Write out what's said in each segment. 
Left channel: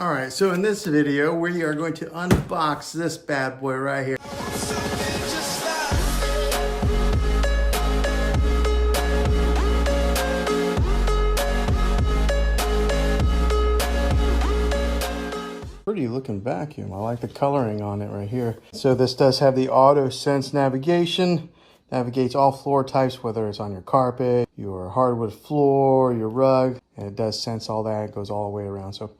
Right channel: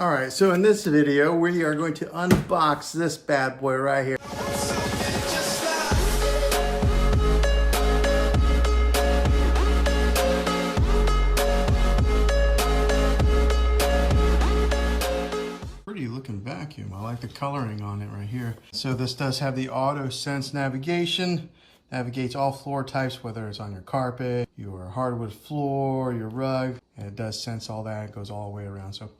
All right, so in this video, we are going to unbox this bad boy right here. Pretty looking vacuum. I like the coloring on it right here. So this does have the auto sense navigation. Navigates all floor types, whether it's on your carpet, your hardwood floor, your rug, and it does sense all that. It goes all the way around. So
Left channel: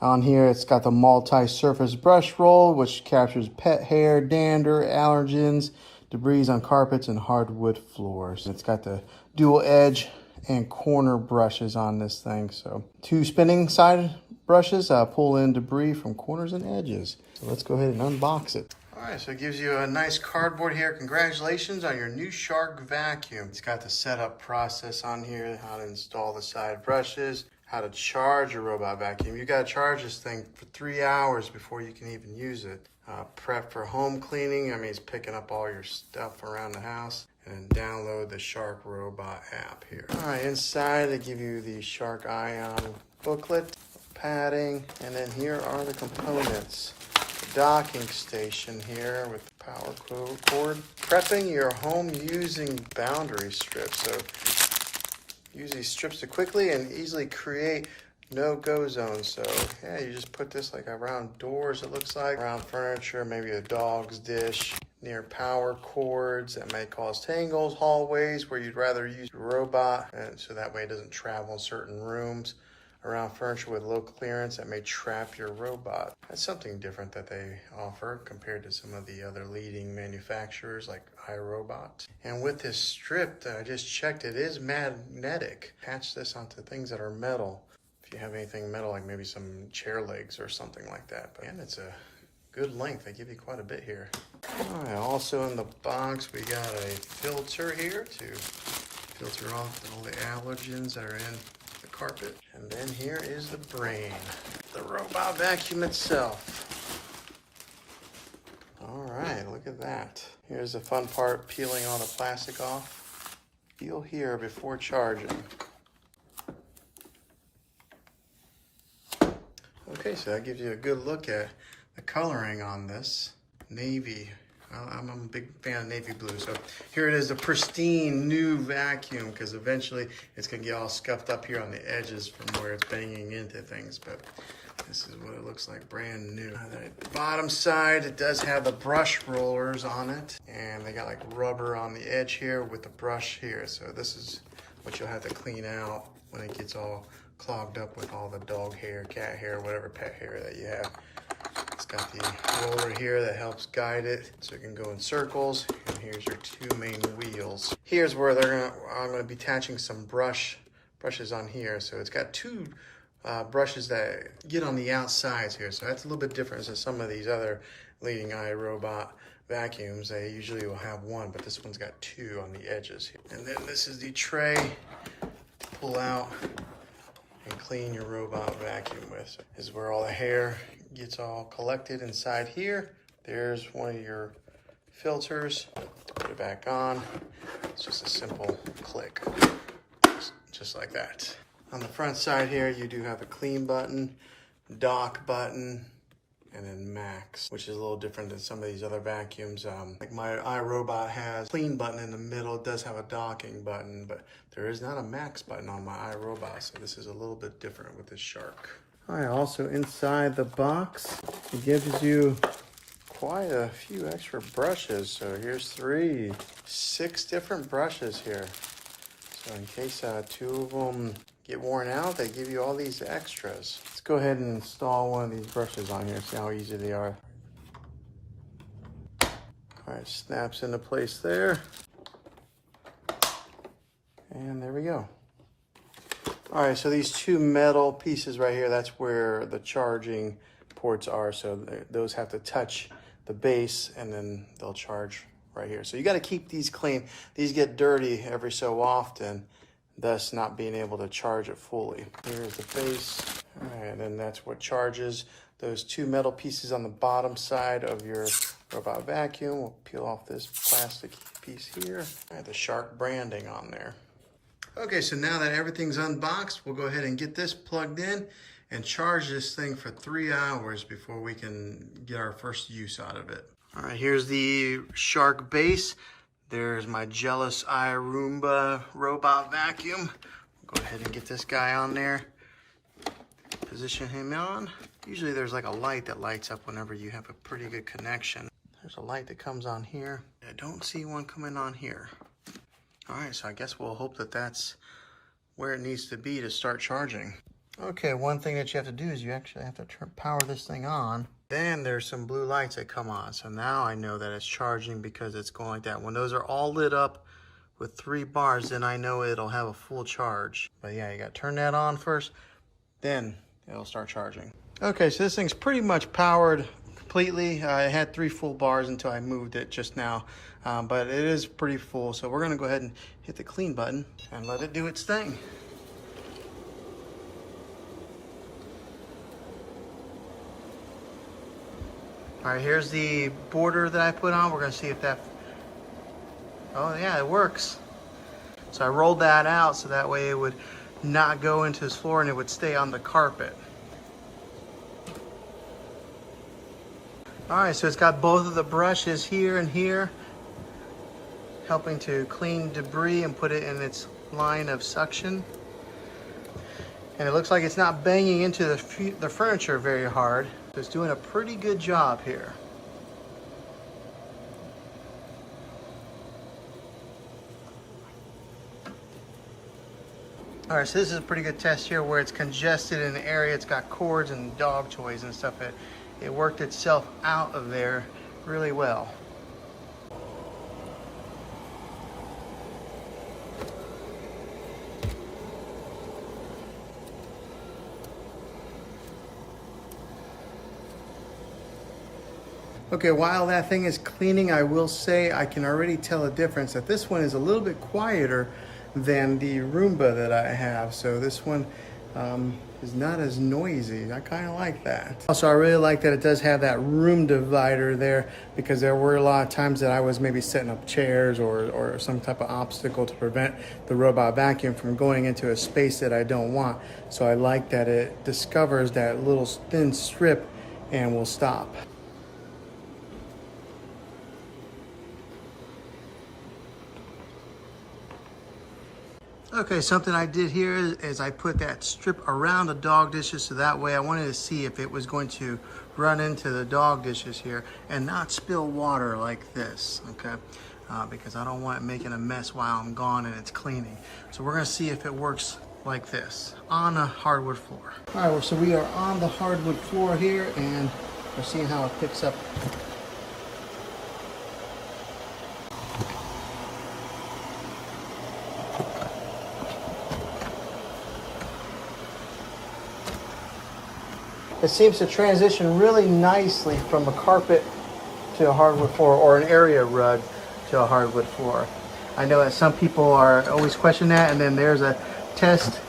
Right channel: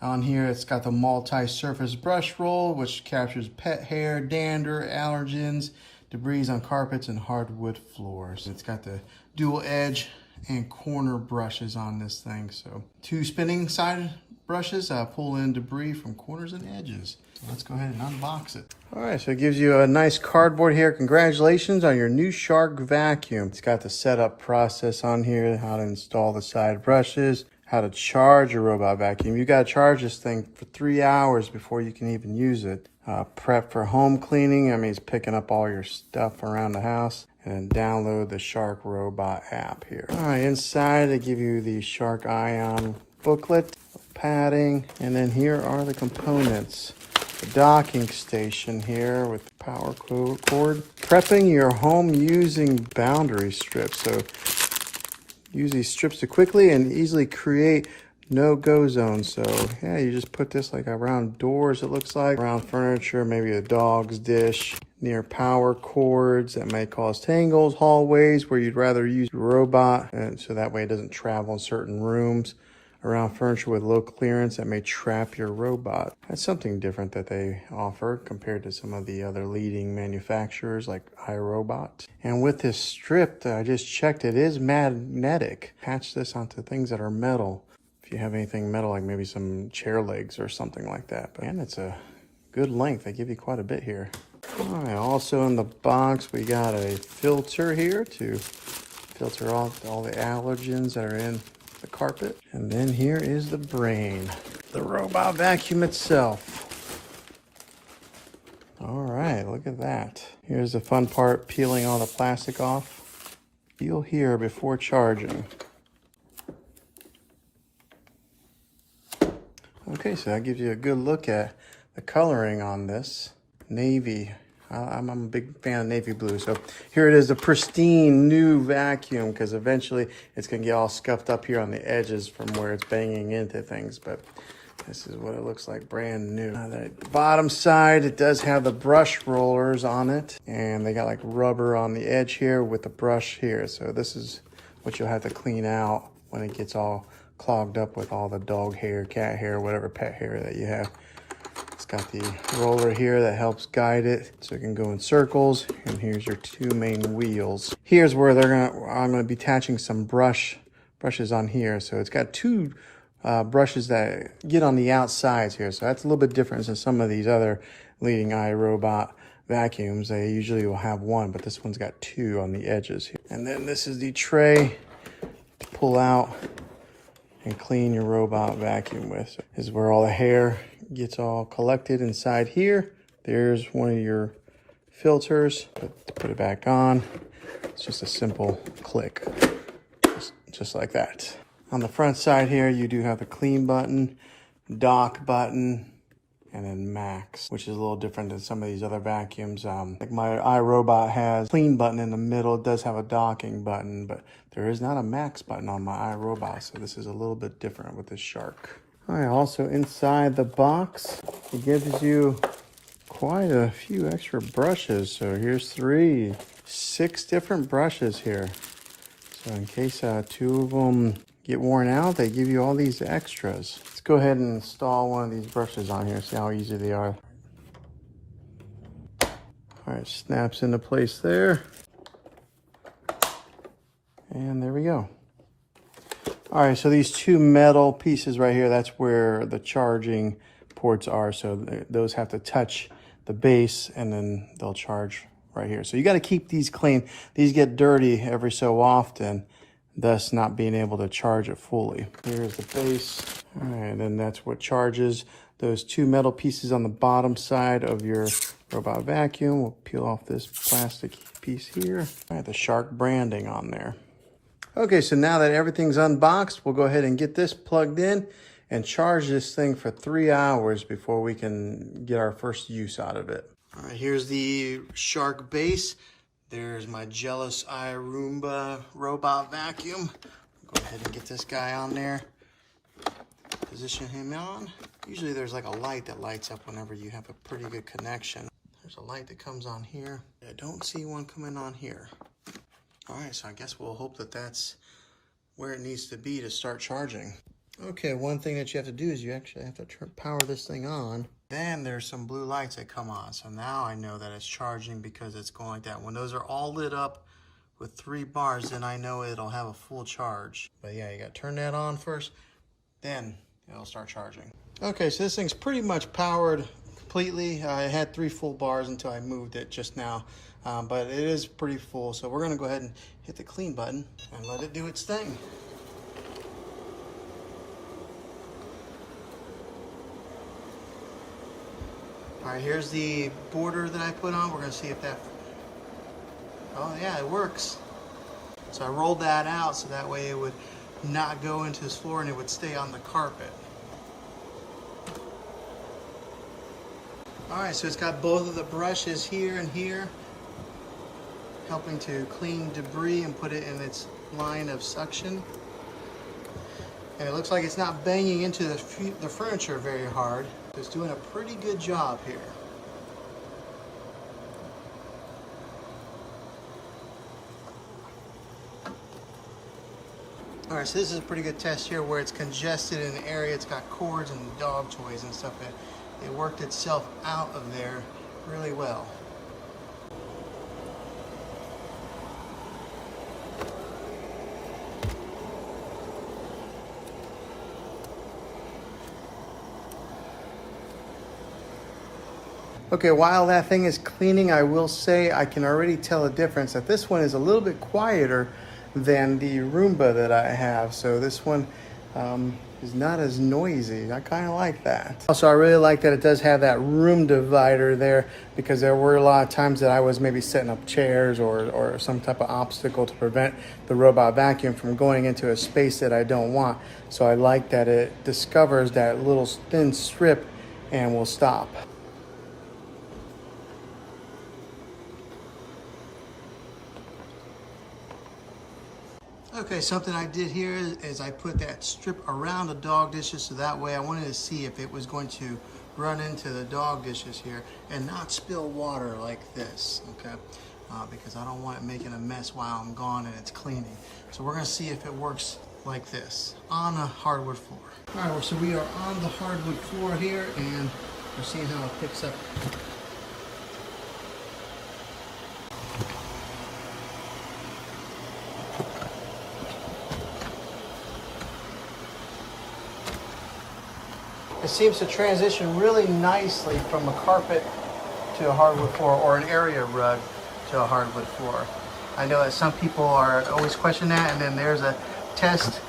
on here, it's got the multi-surface brush roll, which captures pet hair, dander, allergens, debris on carpets and hardwood floors. It's got the dual edge and corner brushes on this thing. So 2 spinning side brushes pull in debris from corners and edges. So let's go ahead and unbox it. All right, so it gives you a nice cardboard here. Congratulations on your new Shark vacuum. It's got the setup process on here, how to install the side brushes, how to charge your robot vacuum. You gotta charge this thing for 3 hours before you can even use it. Prep for home cleaning. I mean, it's picking up all your stuff around the house. And then download the Shark Robot app here. All right, inside they give you the Shark Ion booklet, padding, and then here are the components. The docking station here with the power cord. Prepping your home using boundary strips. So use these strips to quickly and easily create no-go zones. So yeah, you just put this like around doors, it looks like, around furniture, maybe a dog's dish, near power cords that may cause tangles, hallways where you'd rather use your robot, so that way it doesn't travel in certain rooms, around furniture with low clearance that may trap your robot. That's something different that they offer compared to some of the other leading manufacturers like iRobot. And with this strip, I just checked, it is magnetic. Attach this onto things that are metal. If you have anything metal, like maybe some chair legs or something like that. And it's a good length. They give you quite a bit here. All right, also in the box, we got a filter here to filter off all the allergens that are in the carpet. And then here is the brain, the robot vacuum itself. All right, look at that. Here's the fun part, peeling all the plastic off. Feel here before charging. Okay, so that gives you a good look at the coloring on this. Navy. I'm a big fan of navy blue. So here it is, a pristine new vacuum, because eventually it's gonna get all scuffed up here on the edges from where it's banging into things. But this is what it looks like, brand new. The bottom side, it does have the brush rollers on it, and they got like rubber on the edge here with the brush here. So this is what you'll have to clean out when it gets all clogged up with all the dog hair, cat hair, whatever pet hair that you have. It's got the roller here that helps guide it so it can go in circles. And here's your 2 main wheels. Here's where I'm gonna be attaching some brushes on here. So it's got 2 brushes that get on the outsides here. So that's a little bit different than some of these other leading iRobot vacuums. They usually will have 1, but this one's got 2 on the edges here. And then this is the tray to pull out and clean your robot vacuum with. So this is where all the hair gets all collected inside here. There's one of your filters. Put it back on. It's just a simple click, just like that. On the front side here, you do have the clean button, dock button, and then max, which is a little different than some of these other vacuums. Like my iRobot has a clean button in the middle. It does have a docking button, but there is not a max button on my iRobot, so this is a little bit different with this Shark. All right, also inside the box, it gives you quite a few extra brushes. So here's 6 different brushes here. So in case 2 of them get worn out, they give you all these extras. Let's go ahead and install one of these brushes on here, see how easy they are. All right, snaps into place there. And there we go. All right, so these 2 metal pieces right here, that's where the charging ports are. So those have to touch the base and then they'll charge right here. So you got to keep these clean. These get dirty every so often, thus not being able to charge it fully. Here's the base. All right, and then that's what charges those 2 metal pieces on the bottom side of your robot vacuum. We'll peel off this plastic piece here. All right, the Shark branding on there. Okay, so now that everything's unboxed, we'll go ahead and get this plugged in and charge this thing for 3 hours before we can get our first use out of it. All right, here's the Shark base. There's my Jealous Eye Roomba robot vacuum. Go ahead and get this guy on there. Position him on. Usually there's like a light that lights up whenever you have a pretty good connection. There's a light that comes on here. I don't see one coming on here. All right, so I guess we'll hope that that's where it needs to be to start charging. Okay, one thing that you have to do is you actually have to power this thing on. Then there's some blue lights that come on. So now I know that it's charging because it's going like that. When those are all lit up with 3 bars, then I know it'll have a full charge. But yeah, you gotta turn that on first, then it'll start charging. Okay, so this thing's pretty much powered completely. I had 3 full bars until I moved it just now, but it is pretty full. So we're gonna go ahead and hit the clean button and let it do its thing. All right, here's the border that I put on. We're gonna see if that, oh yeah, it works. So I rolled that out so that way it would not go into his floor and it would stay on the carpet. All right, so it's got both of the brushes here and here, helping to clean debris and put it in its line of suction. And it looks like it's not banging into the furniture very hard. It's doing a pretty good job here. All right, so this is a pretty good test here where it's congested in the area. It's got cords and dog toys and stuff. It worked itself out of there really well. Okay, while that thing is cleaning, I will say I can already tell a difference that this one is a little bit quieter than the Roomba that I have. So this one is not as noisy. I kind of like that. Also, I really like that it does have that room divider there, because there were a lot of times that I was maybe setting up chairs or some type of obstacle to prevent the robot vacuum from going into a space that I don't want. So I like that it discovers that little thin strip and will stop. Okay, something I did here is I put that strip around the dog dishes, so that way I wanted to see if it was going to run into the dog dishes here and not spill water like this, okay? Because I don't want it making a mess while I'm gone and it's cleaning. So we're gonna see if it works like this on a hardwood floor. All right, so we are on the hardwood floor here and we're seeing how it picks up. It seems to transition really nicely from a carpet to a hardwood floor, or an area rug to a hardwood floor. I know that some people are always questioning that, and then there's a test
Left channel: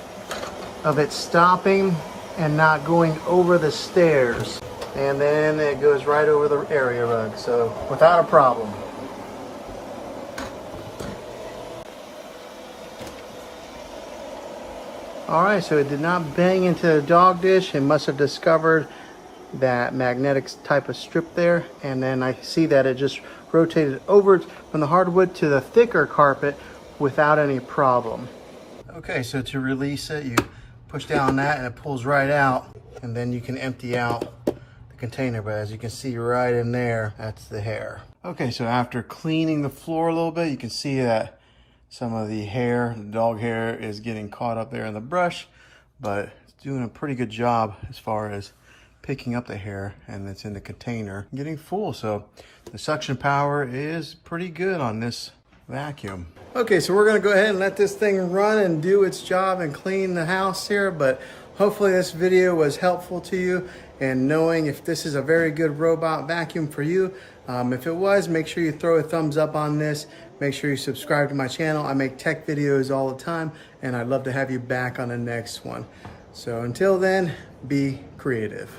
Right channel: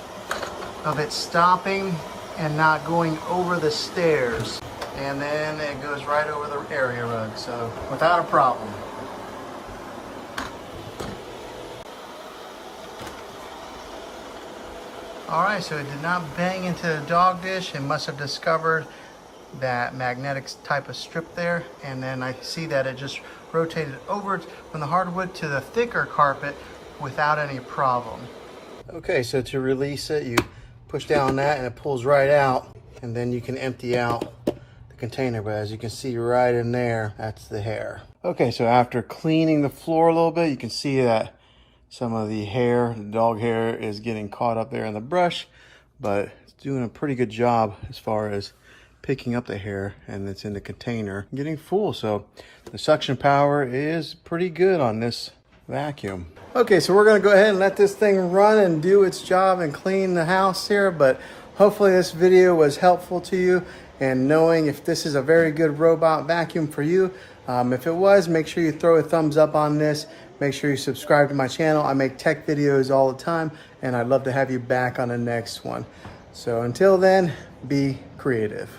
of it stopping and not going over the stairs. And then it goes right over the area rug, so without a problem. All right, so it did not bang into the dog dish. It must have discovered that magnetic type of strip there. And then I see that it just rotated over from the hardwood to the thicker carpet without any problem. Okay, so to release it, you push down that and it pulls right out. And then you can empty out the container. But as you can see right in there, that's the hair. Okay, so after cleaning the floor a little bit, you can see that some of the hair, the dog hair, is getting caught up there in the brush, but it's doing a pretty good job as far as picking up the hair, and it's in the container getting full. So the suction power is pretty good on this vacuum. Okay, so we're gonna go ahead and let this thing run and do its job and clean the house here, but hopefully this video was helpful to you and knowing if this is a very good robot vacuum for you. If it was, make sure you throw a thumbs up on this. Make sure you subscribe to my channel. I make tech videos all the time, and I'd love to have you back on the next one. So until then, be creative.